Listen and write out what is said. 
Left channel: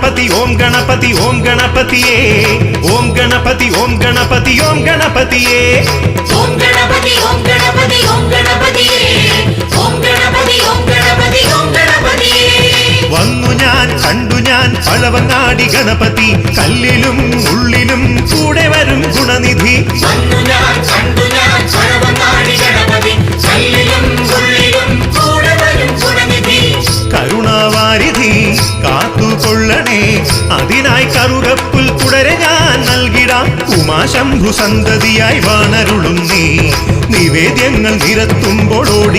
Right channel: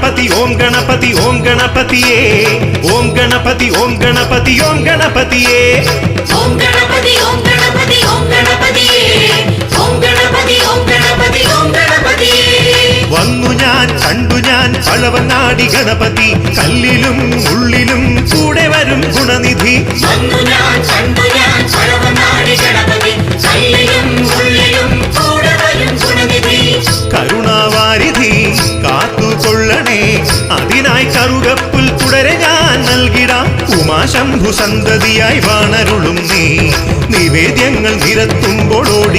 गणपति ओम गणपति ओम गणपतिये ओम गणपति ओम गणपति ओम गणपतिये ओम गणपति ओम गणपति ओम गणपतिये ओम गणपति ओम गणपति ओम गणपतिये വന്നു ഞാൻ കണ്ടു ഞാൻ പഴവങ്ങാടി ഗണപതി കല്ലിലും ഉള്ളിലും കൂടെ വരും ഗുണനിധി വന്നു ഞാൻ കണ്ടു ഞാൻ പഴവങ്ങാടി ഗണപതി കല്ലിലും ഉള്ളിലും കൂടെ വരും ഗുണനിധി കരുണാവാരിധി കാത്തുകൊള്ളണേ അതിനായി കറുകപ്പുൽ തുടരെ ഞാൻ നൽകിടാം ഉമാശംഭു സന്തതിയായി വാണരുളും നീ നിവേദ്യങ്ങൾ നിരത്തുമ്പോൾ ഓടി